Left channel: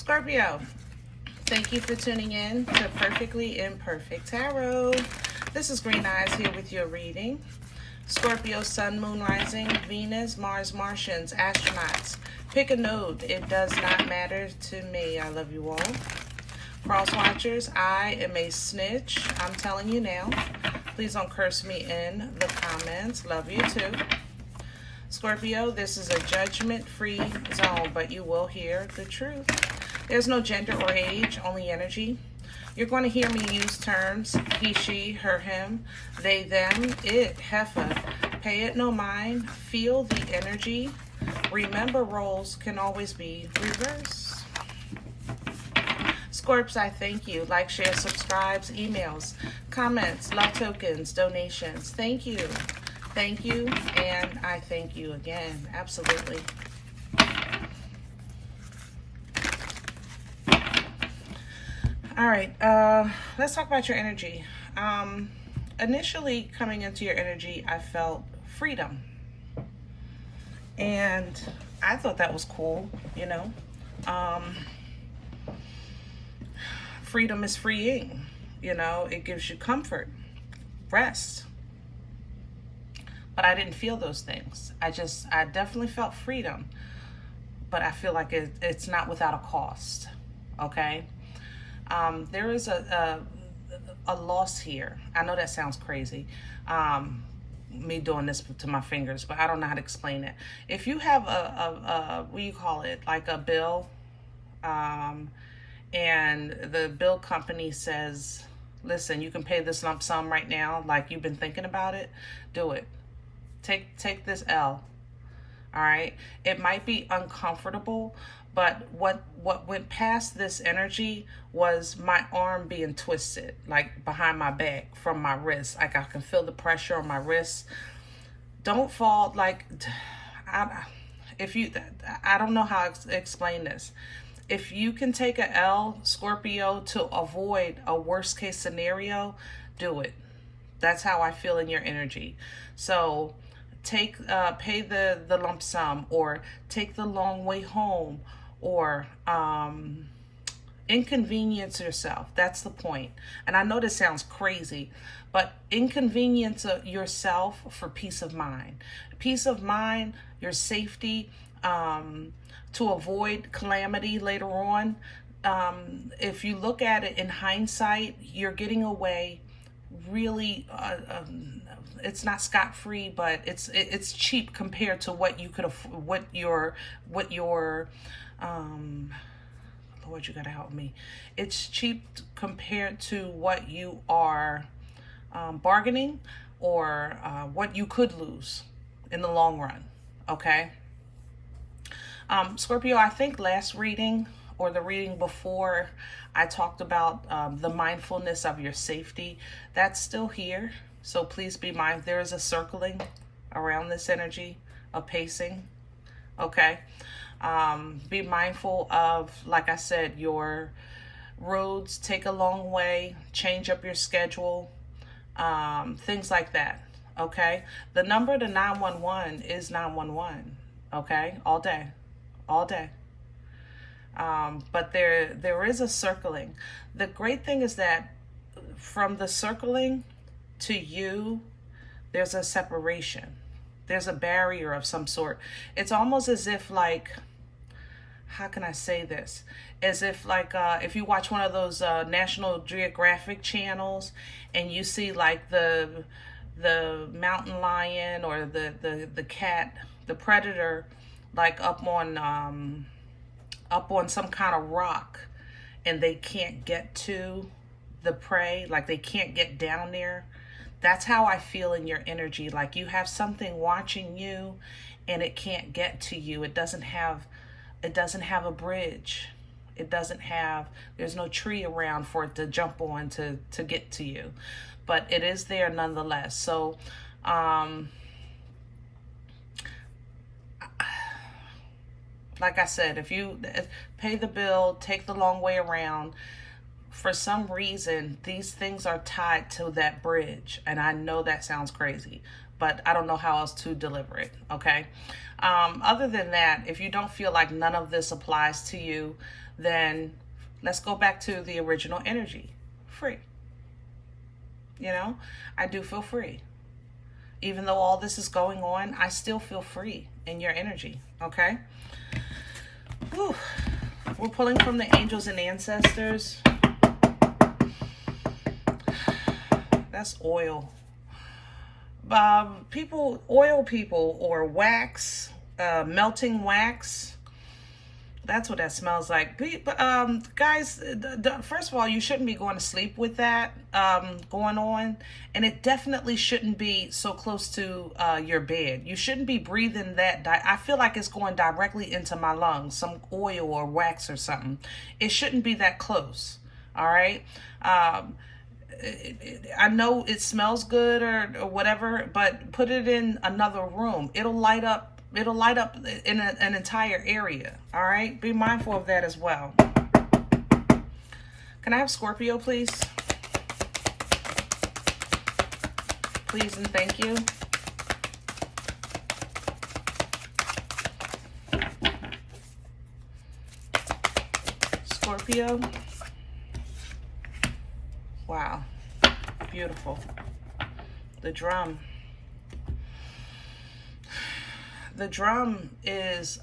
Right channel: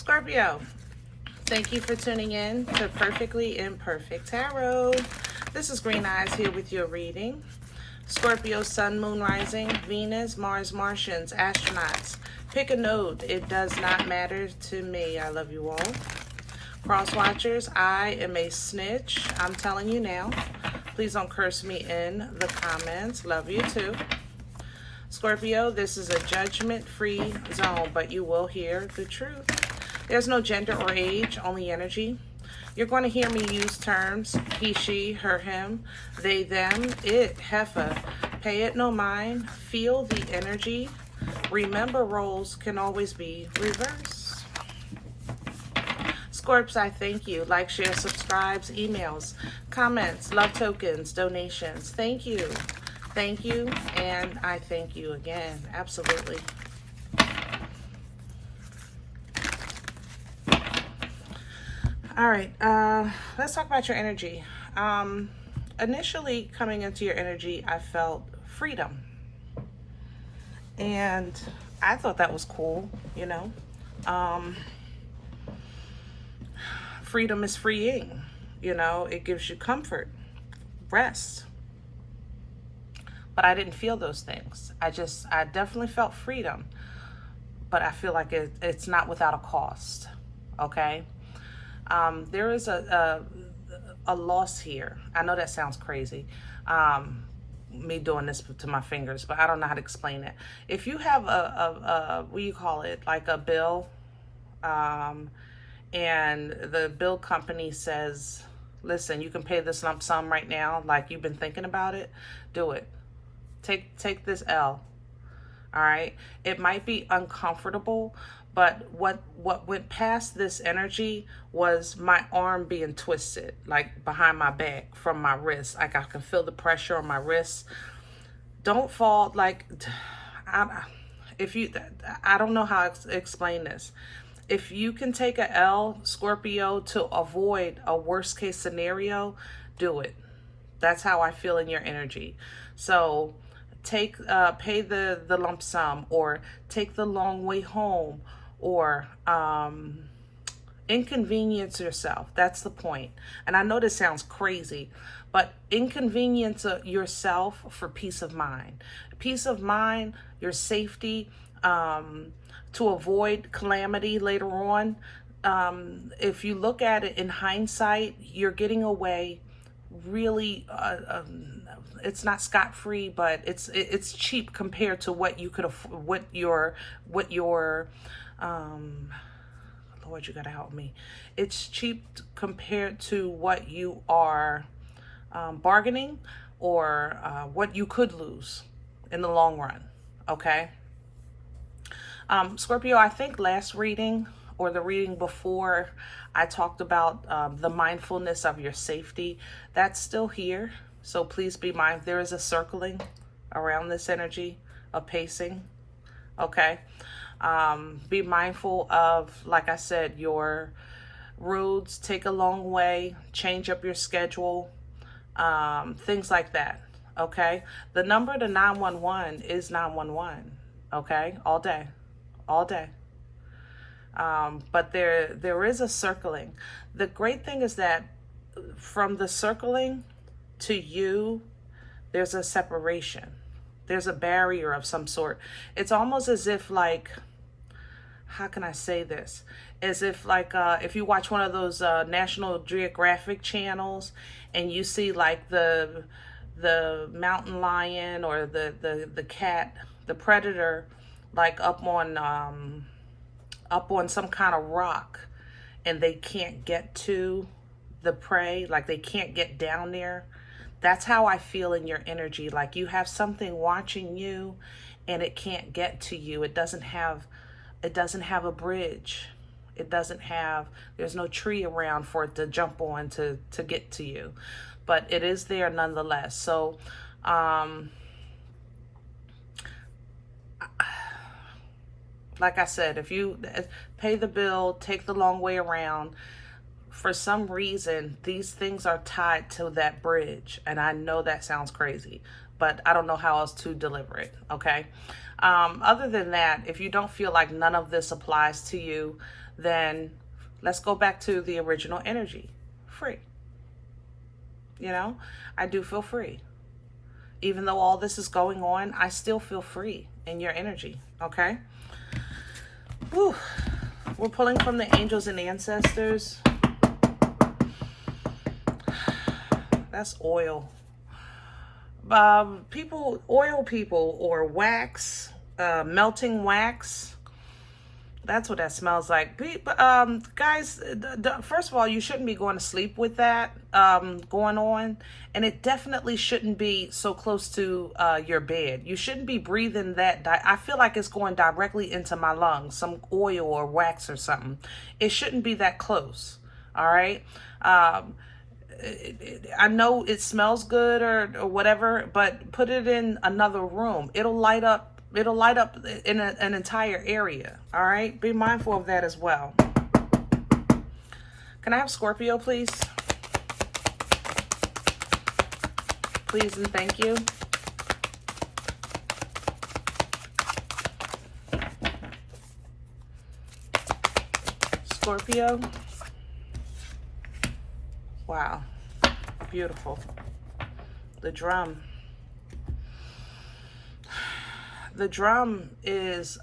Scorpio, thank you for tuning in to Perfectly Imperfect Tarot. This is Green Eyes here with your reading. Scorpio, Sun, Moon, Rising, Venus, Mars, Martians, astronauts. Pick a node. It does not matter to me. I love you all. Cross watchers, I am a snitch. I'm telling you now. Please don't curse me in the comments. Love you too. Scorpio, this is a judgment-free zone, but you will hear the truth. There's no gender or age, only energy. You're going to hear me use terms he, she, her, him, they, them, it, heifer. Pay it no mind. Feel the energy. Remember, roles can always be reversed. Scorps, I thank you. Like, share, subscribes, emails, comments, love tokens, donations. Thank you. Thank you, and I thank you again. Absolutely. All right, let's talk about your energy. Initially coming into your energy, I felt freedom. And I thought that was cool, you know. Freedom is freeing, you know. It gives you comfort, rest. But I didn't feel those things. I definitely felt freedom. But I feel like it's not without a cost, okay? There is a loss here. I know that sounds crazy, me doing this to my fingers, but I don't know how to explain it. If you have what do you call it, like a bill, and the bill company says, listen, you can pay this lump sum right now, like you've been thinking about it, do it. Take this L, all right? It might be uncomfortable, but what went past this energy was my arm being twisted, like behind my back from my wrist. Like I can feel the pressure on my wrist. Don't fall, like, I don't know how to explain this. If you can take a L, Scorpio, to avoid a worst case scenario, do it. That's how I feel in your energy. So pay the lump sum, or take the long way home, or inconvenience yourself. That's the point. And I know this sounds crazy, but inconvenience yourself for peace of mind. Peace of mind, your safety, to avoid calamity later on. If you look at it in hindsight, you're getting away really, it's not scot-free, but it's cheap compared to what you could what your Lord, you gotta help me. It's cheap compared to what you are bargaining, or what you could lose in the long run. Okay. Scorpio, I think last reading or the reading before, I talked about the mindfulness of your safety. That's still here. So please be mindful. There is a circling around this energy, a pacing. Okay. Be mindful of, like I said, your roads. Take a long way. Change up your schedule. Things like that. Okay. The number to 911 is 911. Okay. All day. All day. But there is a circling. The great thing is that from the circling to you, there's a separation. There's a barrier of some sort. It's almost as if, like, how can I say this? As if, like, if you watch one of those National Geographic channels and you see, like, the mountain lion or the cat, the predator, like up on some kind of rock, and they can't get to the prey, like they can't get down there. That's how I feel in your energy. Like you have something watching you and it can't get to you. It doesn't have a bridge. There's no tree around for it to jump on to get to you. But it is there nonetheless. So like I said, if you pay the bill, take the long way around, for some reason, these things are tied to that bridge. And I know that sounds crazy, but I don't know how else to deliver it, okay? Other than that, if you don't feel like none of this applies to you, then let's go back to the original energy. Free. You know, I do feel free. Even though all this is going on, I still feel free in your energy, okay? Whew. We're pulling from the angels and ancestors. That's oil. Oil people, or wax, melting wax. That's what that smells like. Guys, first of all, you shouldn't be going to sleep with that going on. And it definitely shouldn't be so close to your bed. You shouldn't be breathing that. I feel like it's going directly into my lungs, some oil or wax or something. It shouldn't be that close. All right. I know it smells good or whatever, but put it in another room. It'll light up in an entire area. All right. Be mindful of that as well. Can I have Scorpio, please? Please and thank you. Scorpio. Wow. Beautiful. The drum. The drum is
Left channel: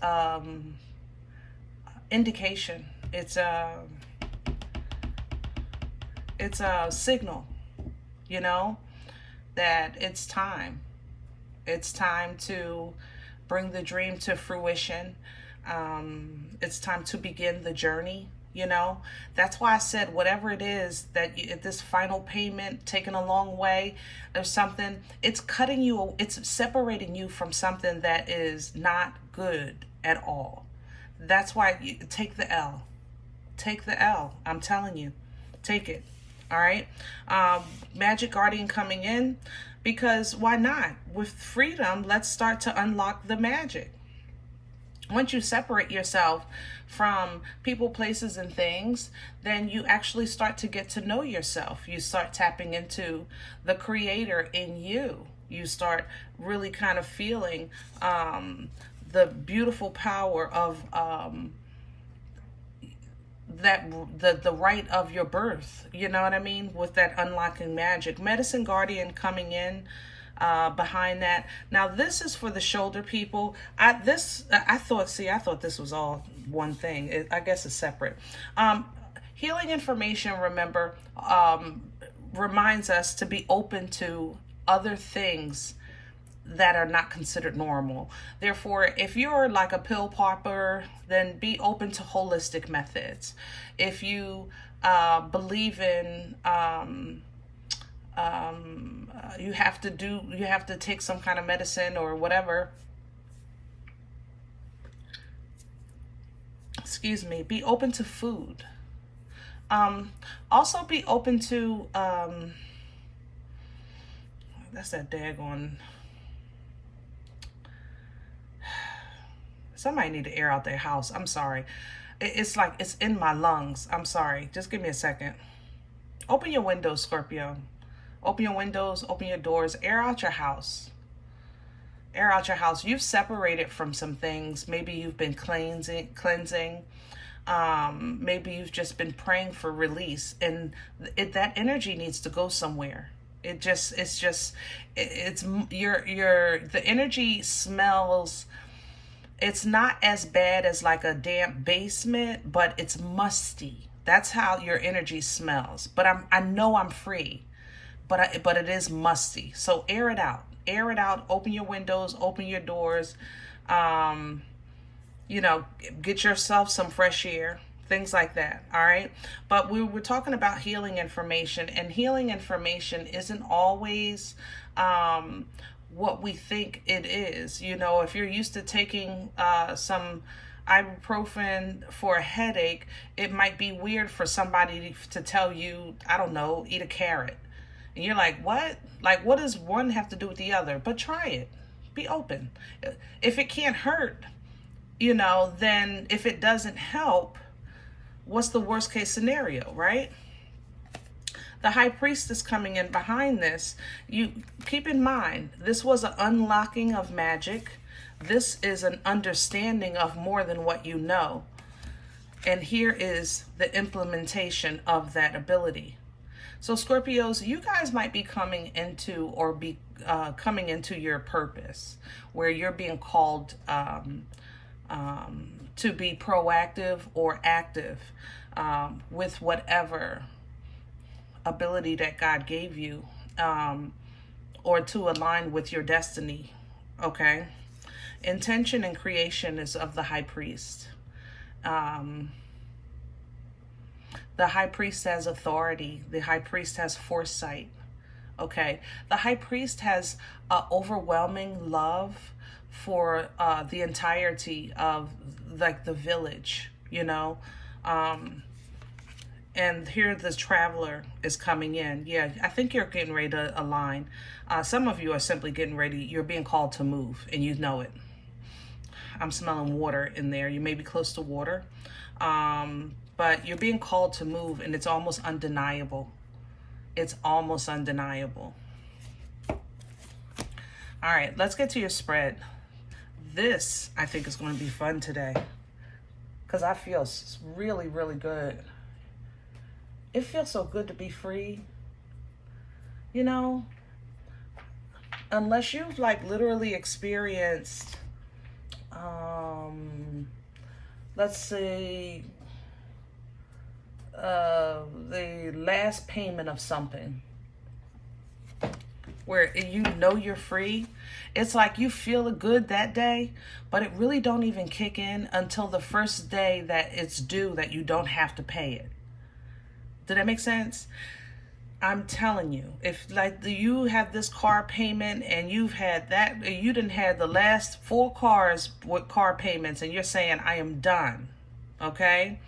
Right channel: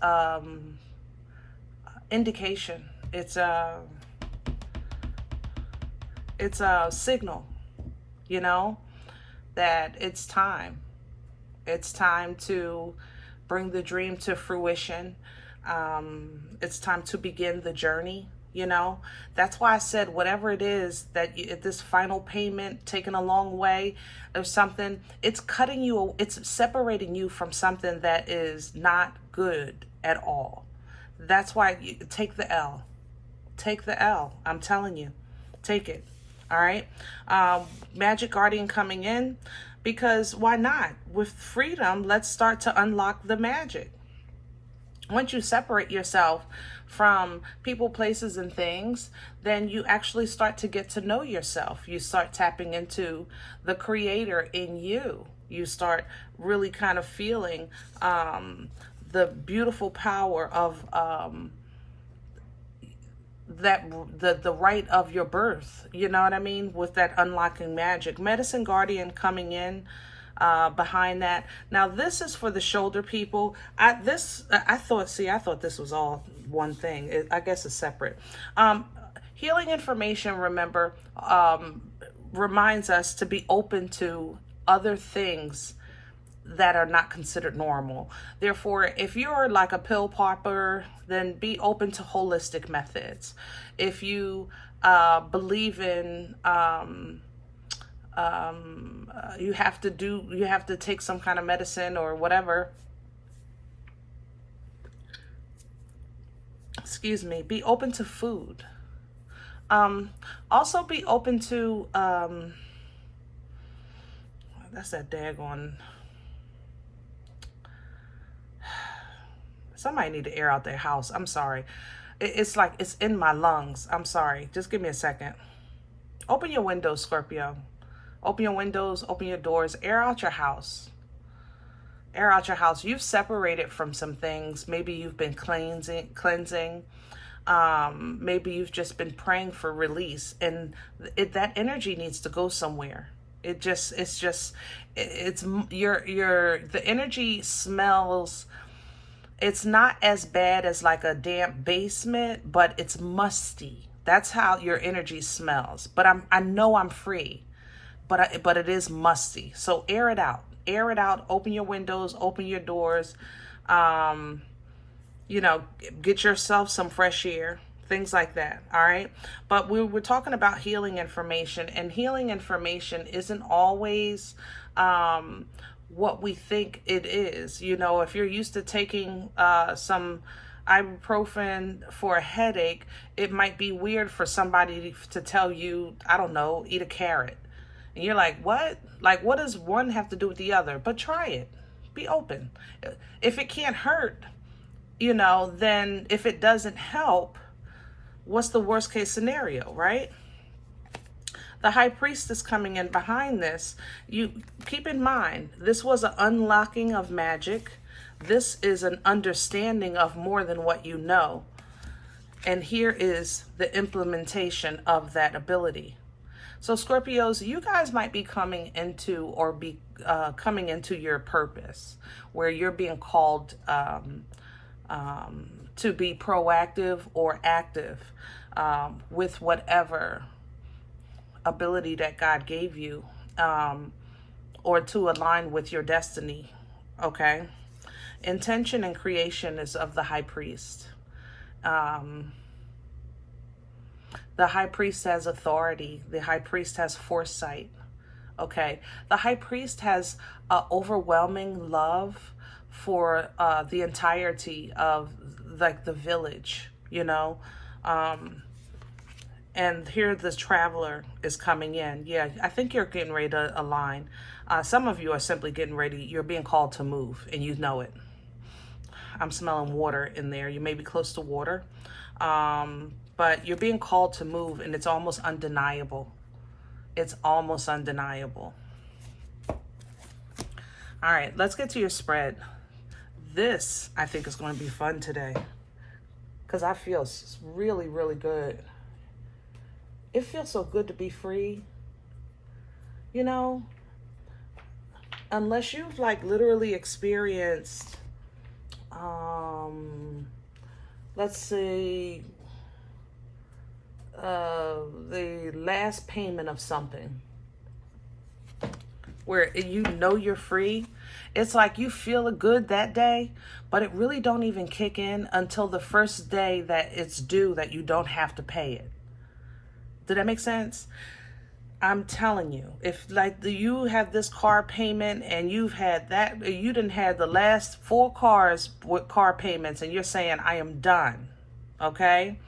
indication. It's a signal, you know, that it's time. It's time to bring the dream to fruition. It's time to begin the journey. You know, that's why I said whatever it is that this final payment taken a long way or something, it's cutting you, it's separating you from something that is not good at all. That's why you take the L. Take the L. I'm telling you, take it. All right. Magic Guardian coming in, because why not? With freedom, let's start to unlock the magic. Once you separate yourself from people, places, and things, then you actually start to get to know yourself. You start tapping into the creator in you. You start really kind of feeling the beautiful power of the right of your birth. You know what I mean? With that unlocking magic. Medicine Guardian coming in behind that. Now this is for the shoulder people. I thought this was all one thing. I guess it's separate. Healing information, remember, reminds us to be open to other things that are not considered normal. Therefore, if you're like a pill popper, then be open to holistic methods. If you believe in you have to take some kind of medicine or whatever, excuse me, be open to food. Also be open to that's that daggone, somebody need to air out their house. I'm sorry. It's like it's in my lungs. I'm sorry. Just give me a second. Open your windows, Scorpio. Open your windows, open your doors, air out your house. Air out your house. You've separated from some things. Maybe you've been cleansing. Maybe you've just been praying for release, and that energy needs to go somewhere. The energy smells. It's not as bad as like a damp basement, but it's musty. That's how your energy smells. But I know I'm free. But it is musty. So air it out. Air it out. Open your windows. Open your doors. You know, get yourself some fresh air. Things like that. All right. But we're talking about healing information. And healing information isn't always what we think it is. You know, if you're used to taking some ibuprofen for a headache, it might be weird for somebody to tell you, I don't know, eat a carrot. And you're like, what? Like, what does one have to do with the other? But try it. Be open. If it can't hurt, you know, then if it doesn't help, what's the worst case scenario, right? The High Priestess coming in behind this. You keep in mind, this was an unlocking of magic. This is an understanding of more than what you know. And here is the implementation of that ability. So Scorpios, you guys might be coming into or be coming into your purpose, where you're being called to be proactive or active with whatever ability that God gave you, or to align with your destiny. Okay, intention and creation is of the High Priest. The High Priest has authority. The High Priest has foresight. Okay, the High Priest has overwhelming love for the entirety of like the village, you know. And here the Traveler is coming in. Yeah, I think you're getting ready to align. Some of you are simply getting ready. You're being called to move, and you know it. I'm smelling water in there. You may be close to water. But you're being called to move, and it's almost undeniable. It's almost undeniable. All right, let's get to your spread. This, I think, is going to be fun today because I feel really, really good. It feels so good to be free. You know, unless you've like literally experienced, let's say, the last payment of something where you know you're free. It's like you feel good that day, but it really don't even kick in until the first day that it's due, that you don't have to pay it. Did that make sense? I'm telling you, if like you have this car payment and you've had that, you didn't have the last 4 cars with car payments, and you're saying, I am done. Okay.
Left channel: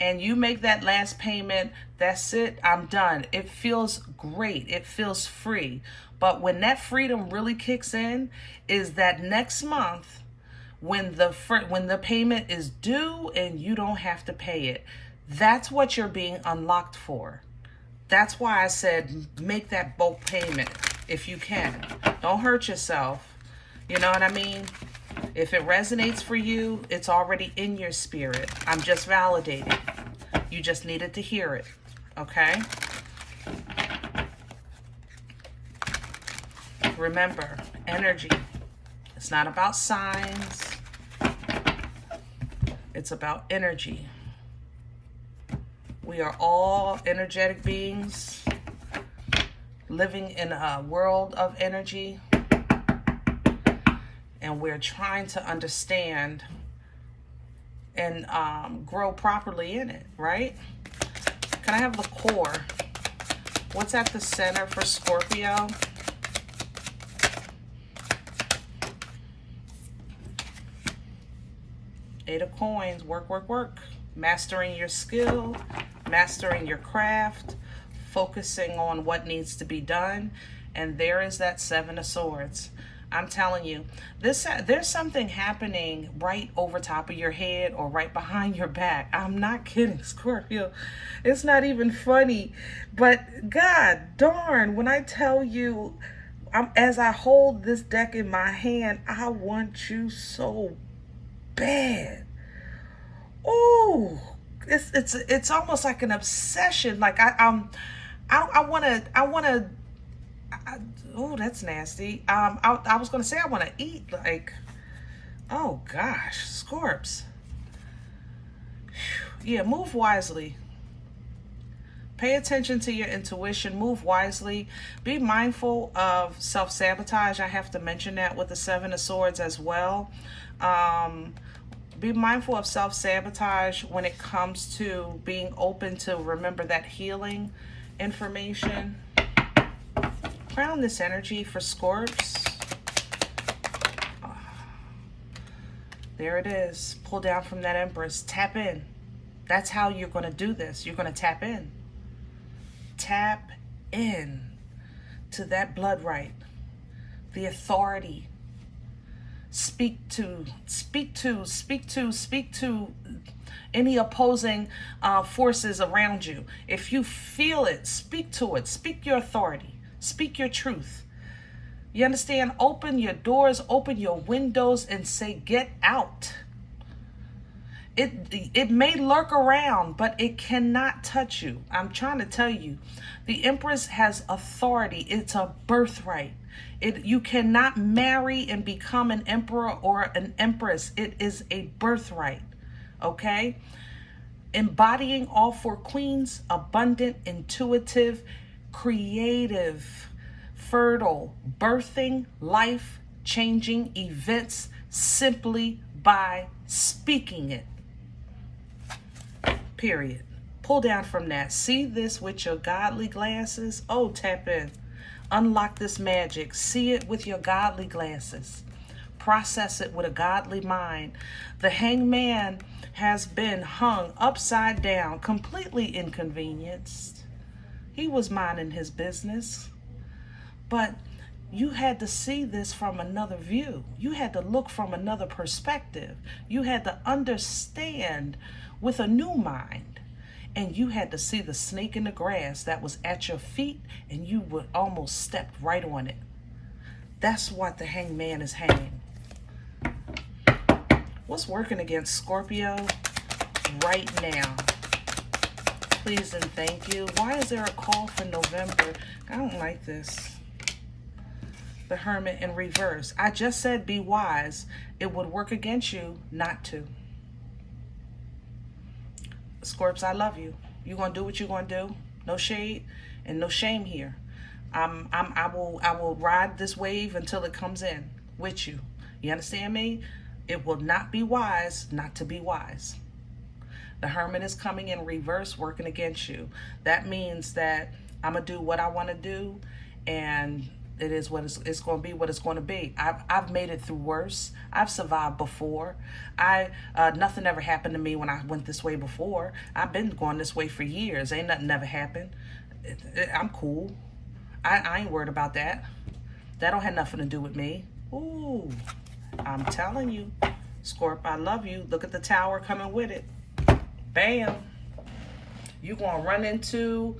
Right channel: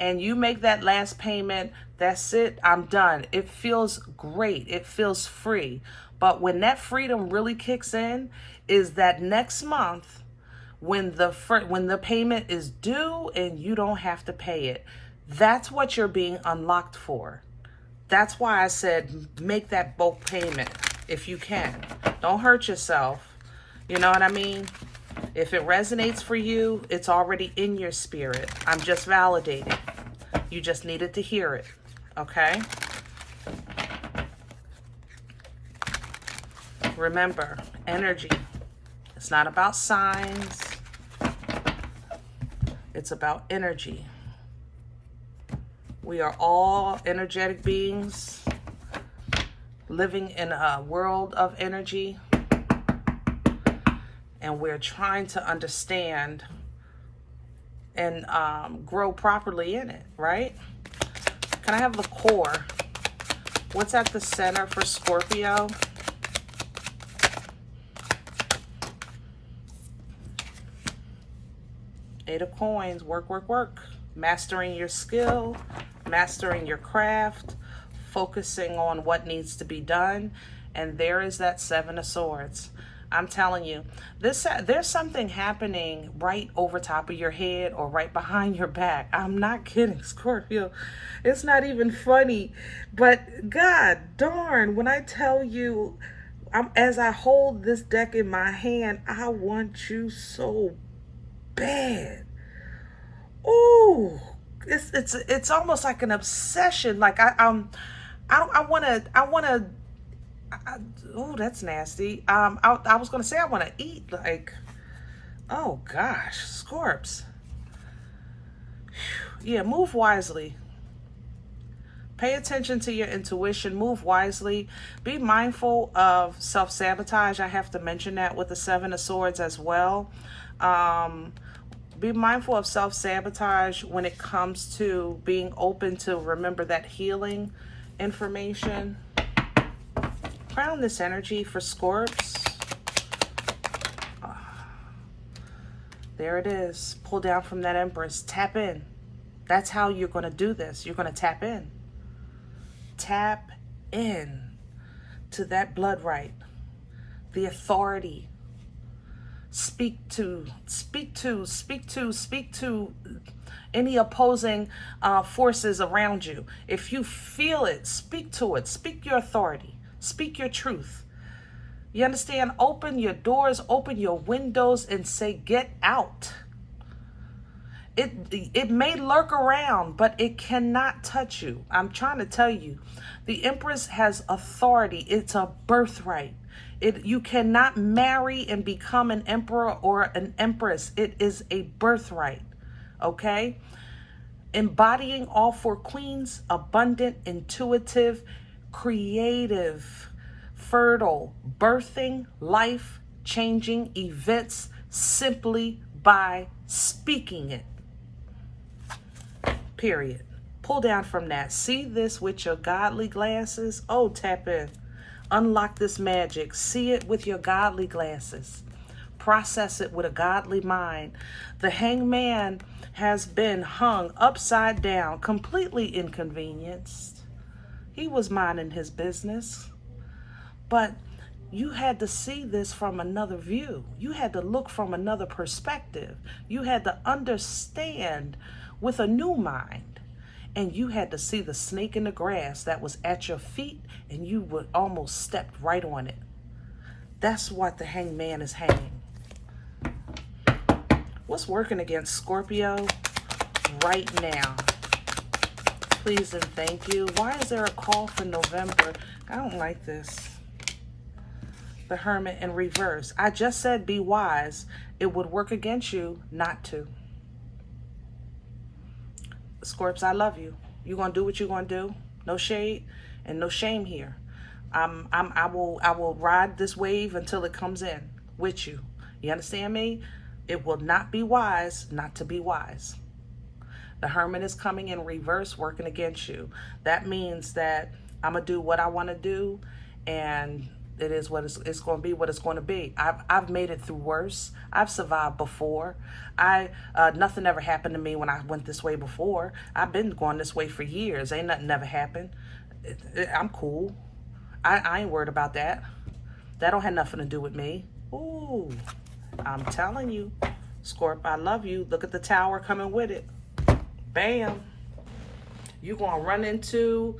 And you make that last payment, that's it, I'm done. It feels great. It feels free. But when that freedom really kicks in is that next month when the payment is due and you don't have to pay it. That's what you're being unlocked for. That's why I said make that bulk payment if you can. Don't hurt yourself. You know what I mean? If it resonates for you, it's already in your spirit. I'm just validating. You just needed to hear it. Okay? Remember, energy. It's not about signs. It's about energy. We are all energetic beings living in a world of energy, and we're trying to understand and grow properly in it, right? Can I have the core? What's at the center for Scorpio? Eight of Coins. Work, work, work. Mastering your skill, mastering your craft, focusing on what needs to be done. And there is that Seven of Swords. I'm telling you, there's something happening right over top of your head or right behind your back. I'm not kidding, Scorpio. It's not even funny. But God darn, when I tell you, as I hold this deck in my hand, I want you so bad. Ooh, it's almost like an obsession. Like I wanna. Oh, that's nasty. I was gonna say I want to eat. Like, oh gosh, Scorps. Yeah, move wisely. Pay attention to your intuition. Move wisely. Be mindful of self-sabotage. I have to mention that with the Seven of Swords as well. Be mindful of self-sabotage when it comes to being open to remember that healing information. Crown this energy for Scorps. There it is. Pull down from that Empress. Tap in. That's how you're going to do this. You're going to tap in. Tap in to that blood right. The authority. Speak to any opposing forces around you. If you feel it, speak to it. Speak your authority. Speak your truth. You understand? Open your doors, open your windows, and say, get out. It may lurk around, but it cannot touch you. I'm trying to tell you, the Empress has authority. It's a birthright. You cannot marry and become an emperor or an empress. It is a birthright, okay? Embodying all four queens: abundant, intuitive, creative, fertile, birthing, life-changing events simply by speaking it. Period. Pull down from that. See this with your godly glasses. Oh, tap in. Unlock this magic. See it with your godly glasses. Process it with a godly mind. The Hangman has been hung upside down, completely inconvenienced. He was minding his business. But you had to see this from another view. You had to look from another perspective. You had to understand with a new mind. And you had to see the snake in the grass that was at your feet, and you would almost step right on it. That's what the Hangman is hanging. What's working against Scorpio right now? Please and thank you. Why is there a call for November? I don't like this. The Hermit in reverse. I just said be wise. It would work against you not to. Scorps, I love you. You're gonna do what you're gonna do. No shade and no shame here. I will ride this wave until it comes in with you. You understand me? It will not be wise not to be wise. The Hermit is coming in reverse, working against you. That means that I'm gonna do what I want to do, and it is what it's going to be. What it's going to be. I've made it through worse. I've survived before. Nothing ever happened to me when I went this way before. I've been going this way for years. Ain't nothing ever happened. I'm cool. I ain't worried about that. That don't have nothing to do with me. Ooh, I'm telling you, Scorp, I love you. Look at the Tower coming with it. Bam. You gonna run into.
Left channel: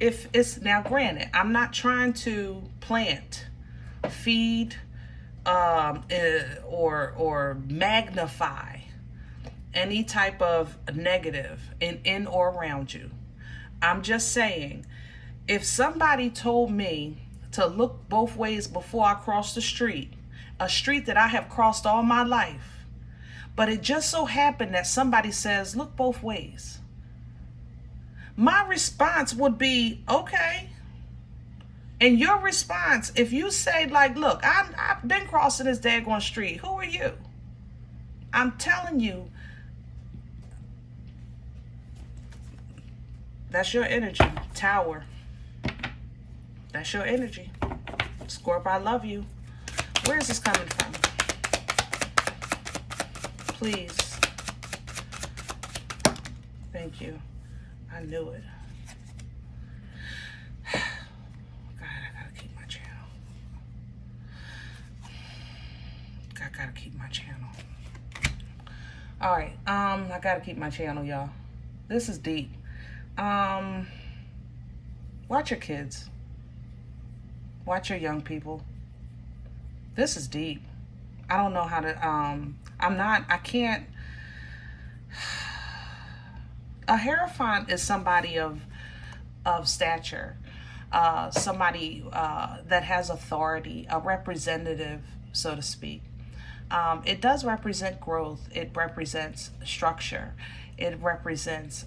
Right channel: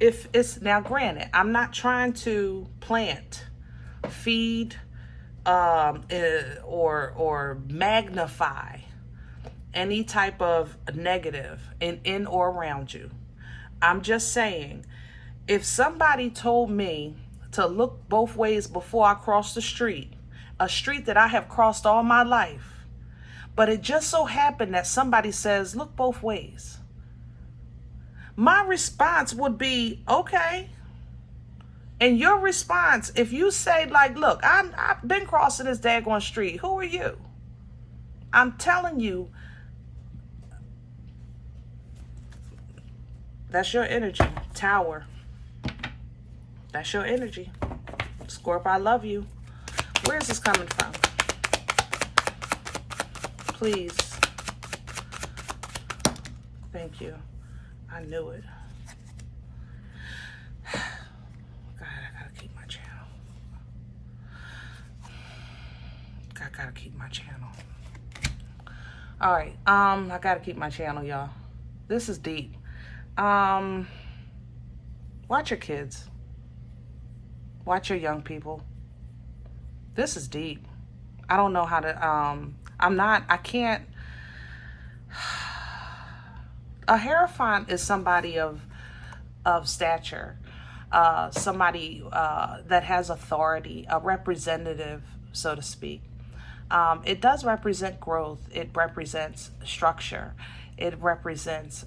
If it's now, granted, I'm not trying to plant, feed, or magnify any type of negative in or around you. I'm just saying, if somebody told me to look both ways before I cross the street, a street that I have crossed all my life, but it just so happened that somebody says, look both ways, my response would be, okay. And your response, if you say, like, look, I've been crossing this daggone street. Who are you? I'm telling you, that's your energy. Tower. That's your energy. Scorp, I love you. Where is this coming from? Please. Thank you. I knew it. God, I gotta keep my channel. I gotta keep my channel. All right, I gotta keep my channel, y'all. This is deep. Watch your kids. Watch your young people. This is deep. I don't know how to, I can't. A Hierophant is somebody of stature, somebody that has authority, a representative, so to speak. It does represent growth. It represents structure. It represents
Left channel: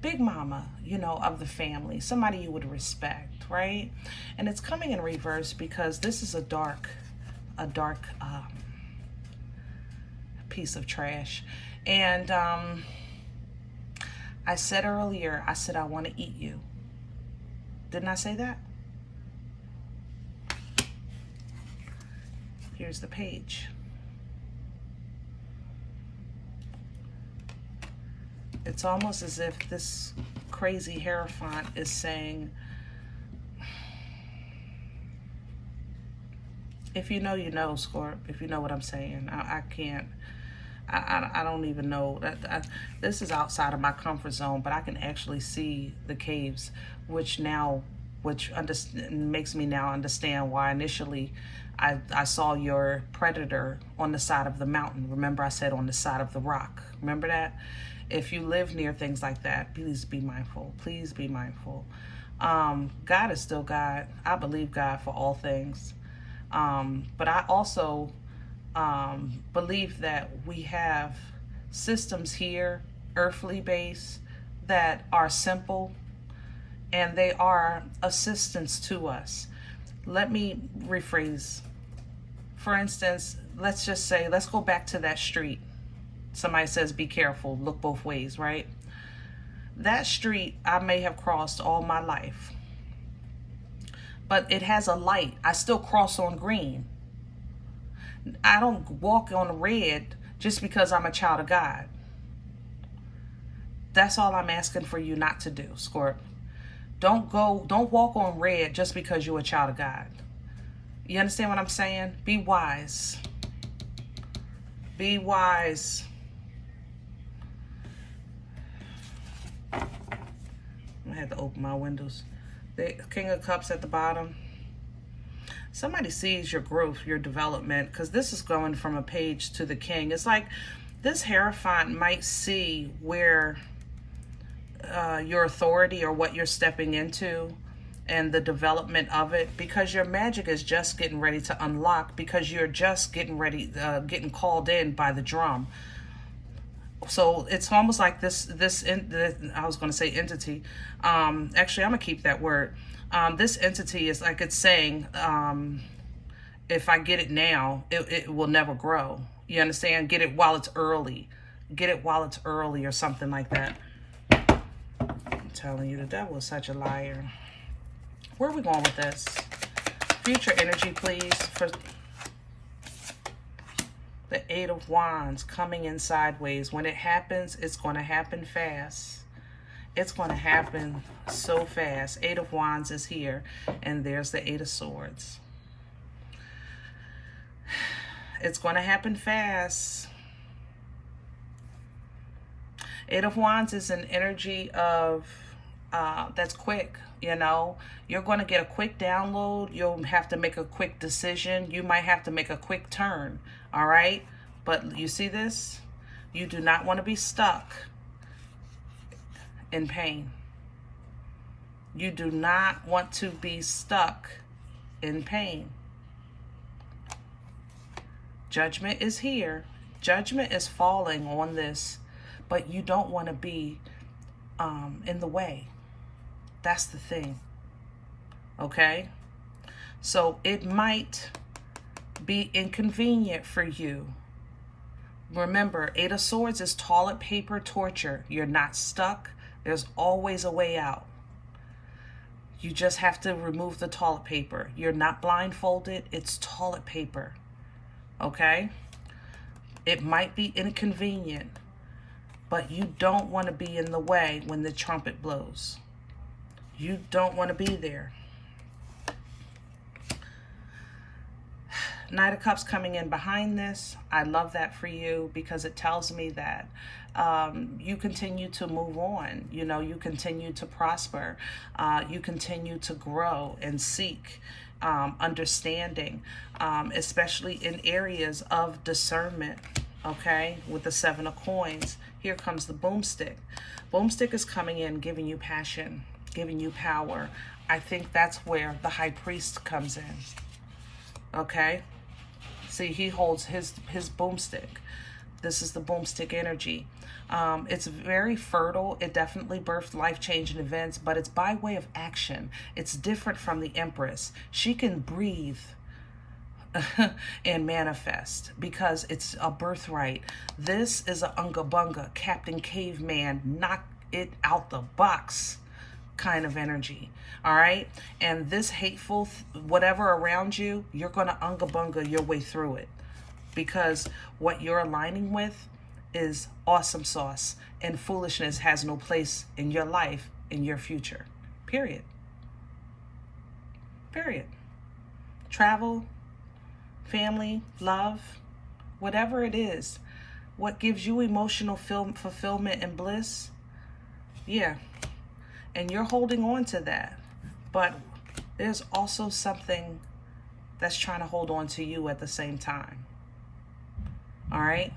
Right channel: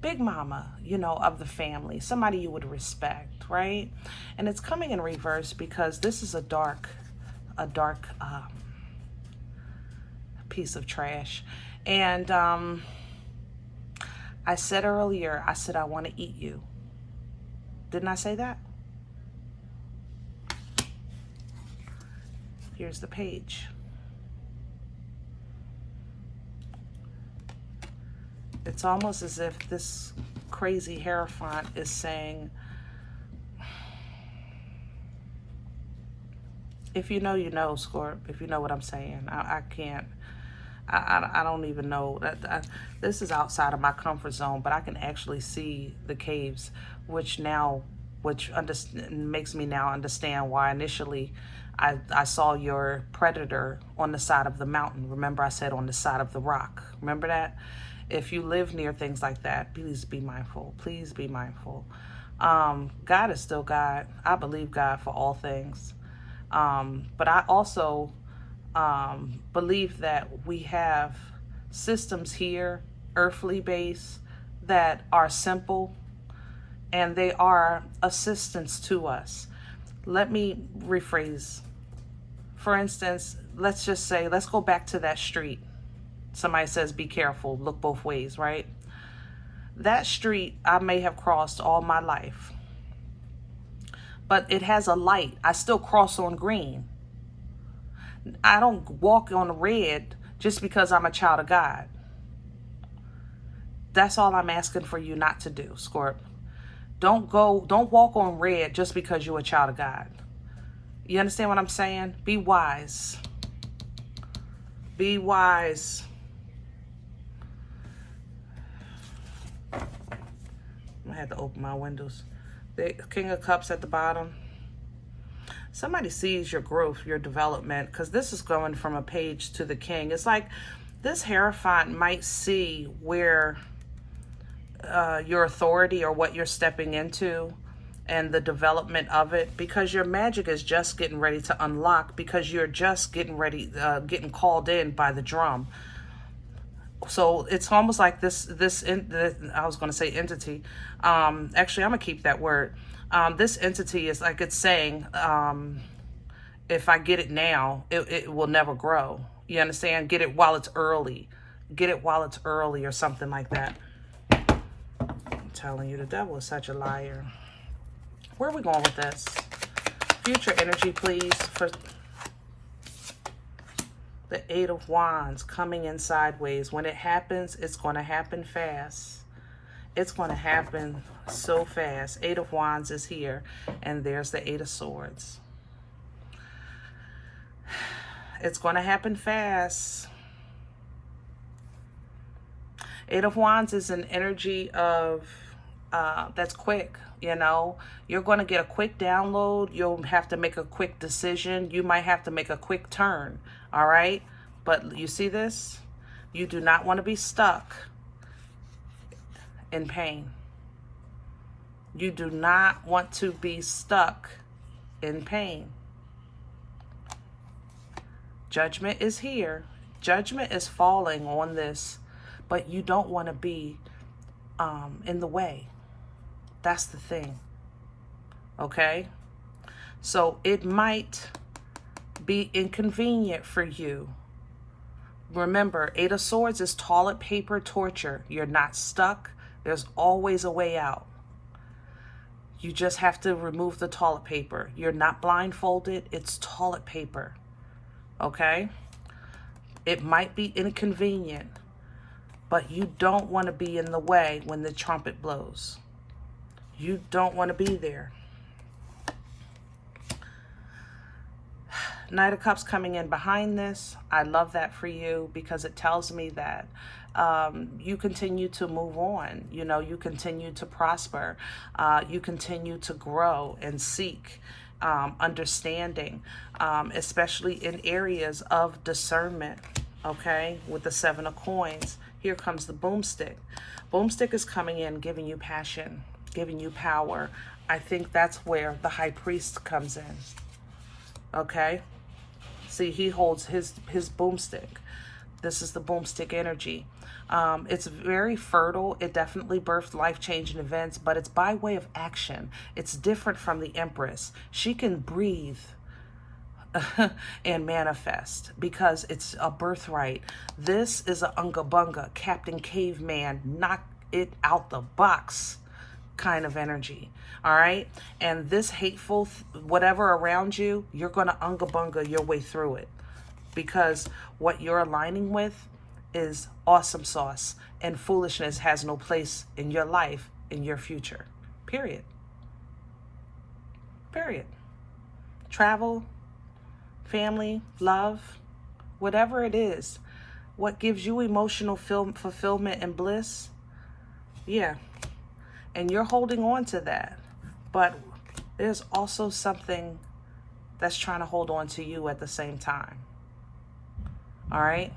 big mama, you know, of the family, somebody you would respect, right? And it's coming in reverse because this is a dark piece of trash. And I said earlier, I said, I want to eat you. Didn't I say that? Here's the page. It's almost as if this crazy Hierophant is saying, if you know, you know, Scorp. If you know what I'm saying. I I don't even know that this is outside of my comfort zone, but I can actually see the caves, which makes me now understand why initially I saw your predator on the side of the mountain. Remember I said on the side of the rock. Remember that? If you live near things like that, please be mindful. Please be mindful. God is still God. I believe God for all things. But I also believe that we have systems here, earthly base, that are simple and they are assistance to us. Let me rephrase. For instance, let's just say, let's go back to that street. Somebody says, be careful, look both ways, right? That street I may have crossed all my life, but it has a light. I still cross on green. I don't walk on red just because I'm a child of God. That's all I'm asking for you not to do, Scorp. Don't walk on red just because you're a child of God. You understand what I'm saying? Be wise. Be wise. I had to open my windows. The King of Cups at the bottom. Somebody sees your growth, your development, because this is going from a page to the King. It's like this Hierophant might see where your authority or what you're stepping into and the development of it, because your magic is just getting ready to unlock, because you're just getting ready, getting called in by the drum. So it's almost like I was going to say entity. Actually, I'm going to keep that word. This entity is like it's saying, if I get it now, it will never grow. You understand? Get it while it's early. Get it while it's early or something like that. I'm telling you, the devil is such a liar. Where are we going with this? Future energy, please, for the Eight of Wands coming in sideways. When it happens, it's going to happen fast. It's going to happen so fast. Eight of Wands is here, and there's the Eight of Swords. It's going to happen fast. Eight of Wands is an energy of that's quick. You know, you're going to get a quick download. You'll have to make a quick decision. You might have to make a quick turn. All right. But you see this? You do not want to be stuck in pain. You do not want to be stuck in pain. Judgment is here. Judgment is falling on this, but you don't want to be in the way. That's the thing. Okay? So it might be inconvenient for you. Remember, Eight of Swords is toilet paper torture. You're not stuck. There's always a way out. You just have to remove the toilet paper. You're not blindfolded. It's toilet paper. Okay? It might be inconvenient, but you don't want to be in the way when the trumpet blows. You don't want to be there. Knight of Cups coming in behind this. I love that for you because it tells me that you continue to move on. You know, you continue to prosper. You continue to grow and seek understanding, especially in areas of discernment. Okay, with the Seven of Coins. Here comes the boomstick. Boomstick is coming in, giving you passion, giving you power. I think that's where the High Priest comes in. Okay? See, he holds his boomstick. This is the boomstick energy. It's very fertile. It definitely birthed life-changing events, but it's by way of action. It's different from the Empress. She can breathe and manifest because it's a birthright. This is a unga bunga, Captain Caveman, knock it out the box kind of energy. All right. And this hateful whatever around you, you're going to unga bunga your way through it, because what you're aligning with is awesome sauce, and foolishness has no place in your life, in your future. Period. Period. Travel, family, love, whatever it is, what gives you emotional fulfillment and bliss. Yeah. And you're holding on to that. But there's also something that's trying to hold on to you at the same time. All right?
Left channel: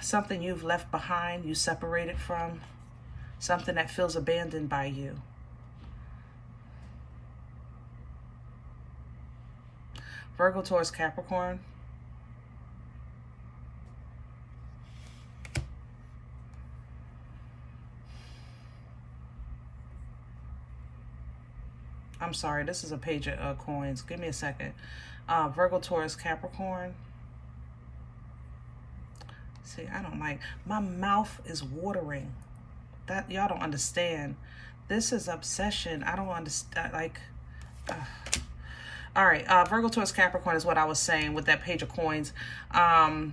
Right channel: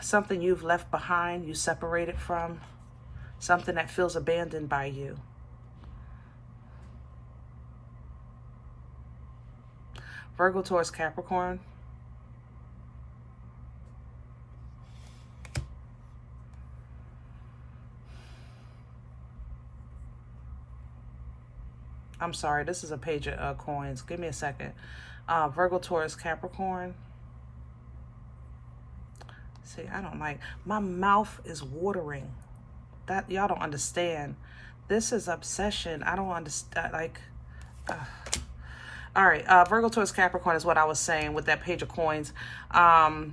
Something you've left behind, you separated from, something that feels abandoned by you. Virgo, Taurus, Capricorn. I'm sorry, this is a page of coins. Give me a second. Virgo, Taurus, Capricorn. See, I don't like, my mouth is watering. That, y'all don't understand. This is obsession. I don't understand, like, all right, Virgo, Taurus, Capricorn is what I was saying with that page of coins. There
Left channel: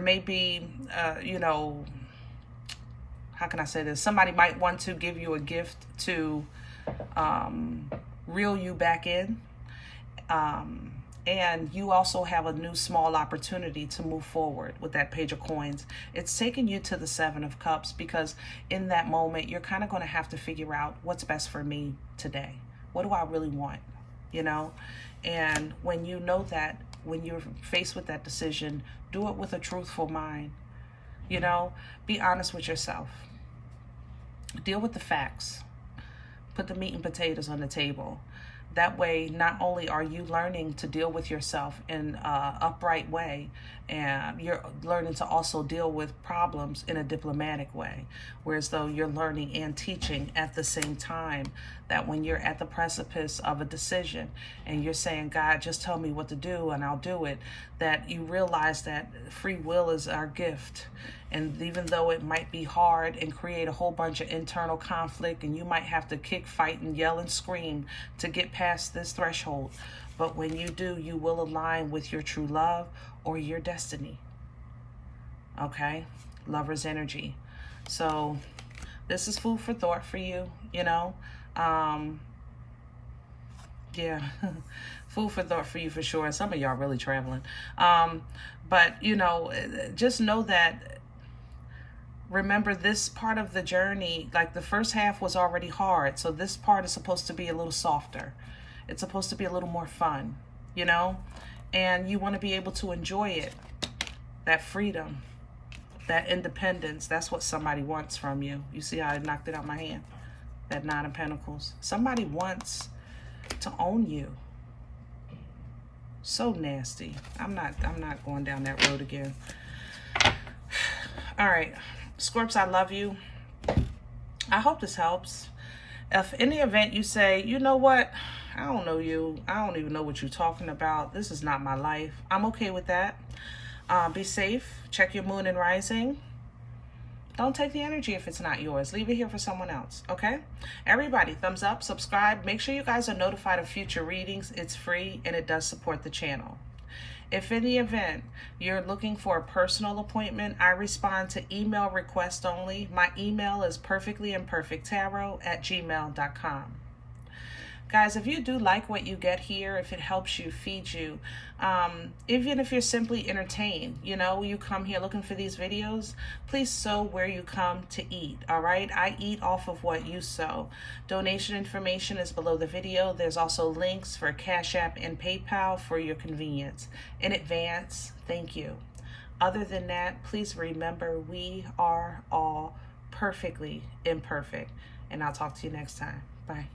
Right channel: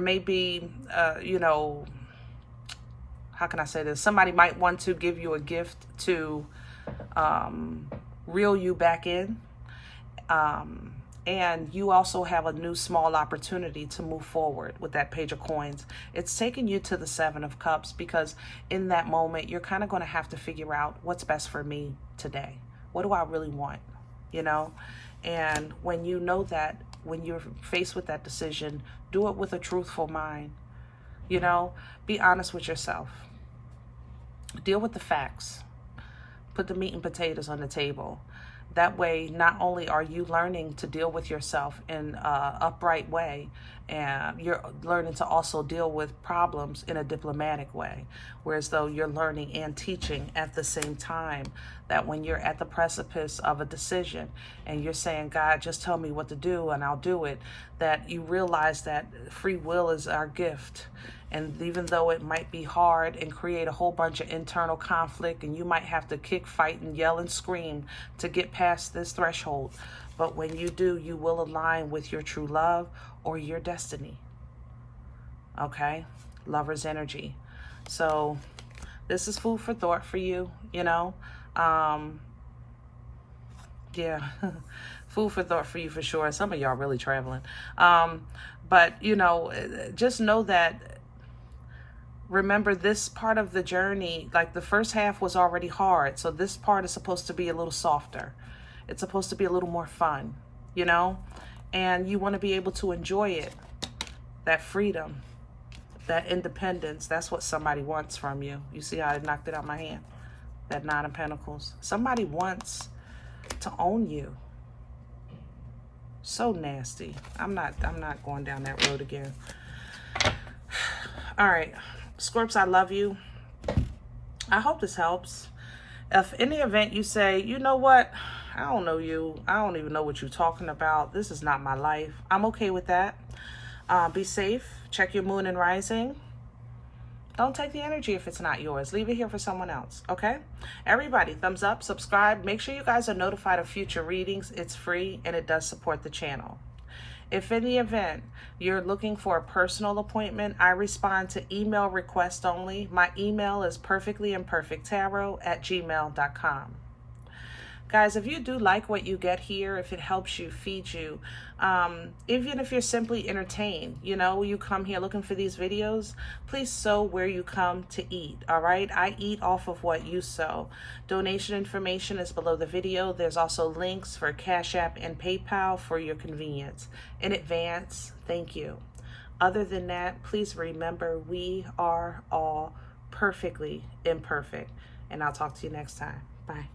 may be, you know, how can I say this? Somebody might want to give you a gift to reel you back in. And you also have a new small opportunity to move forward with that page of coins. It's taking you to the Seven of Cups, because in that moment, you're kind of going to have to figure out what's best for me today. What do I really want? You know? And when you know that, when you're faced with that decision, do it with a truthful mind. You know? Be honest with yourself. Deal with the facts. Put the meat and potatoes on the table. That way, not only are you learning to deal with yourself in an upright way, and you're learning to also deal with problems in a diplomatic way, whereas though you're learning and teaching at the same time, that when you're at the precipice of a decision and you're saying, God, just tell me what to do and I'll do it, that you realize that free will is our gift. And even though it might be hard and create a whole bunch of internal conflict, and you might have to kick, fight, and yell and scream to get past this threshold, but when you do, you will align with your true love or your destiny. Okay? Lover's energy. So this is food for thought for you, you know? Yeah, food for thought for you for sure. Some of y'all really traveling. But, you know, just know that, remember, this part of the journey, like the first half was already hard. So this part is supposed to be a little softer. It's supposed to be a little more fun, you know? And you want to be able to enjoy it. That freedom, that independence, that's what somebody wants from you. You see how I knocked it out my hand? That Nine of Pentacles. Somebody wants to own you. So nasty. I'm not going down that road again. All right. Scorps, I love you. I hope this helps. If in the event you say, you know what, I don't know you, I don't even know what you're talking about, this is not my life, I'm okay with that. Be safe. Check your moon and rising. Don't take the energy if it's not yours. Leave it here for someone else, okay? Everybody, thumbs up, subscribe. Make sure you guys are notified of future readings. It's free and it does support the channel. If in the event you're looking for a personal appointment, I respond to email request only. My email is perfectlyimperfecttarot@gmail.com. Guys, if you do like what you get here, if it helps you, feed you, even if you're simply entertained, you know, you come here looking for these videos, please sow where you come to eat, all right? I eat off of what you sow. Donation information is below the video. There's also links for CashApp and PayPal for your convenience. In advance, thank you. Other than that, please remember, we are all perfectly imperfect. And I'll talk to you next time. Bye.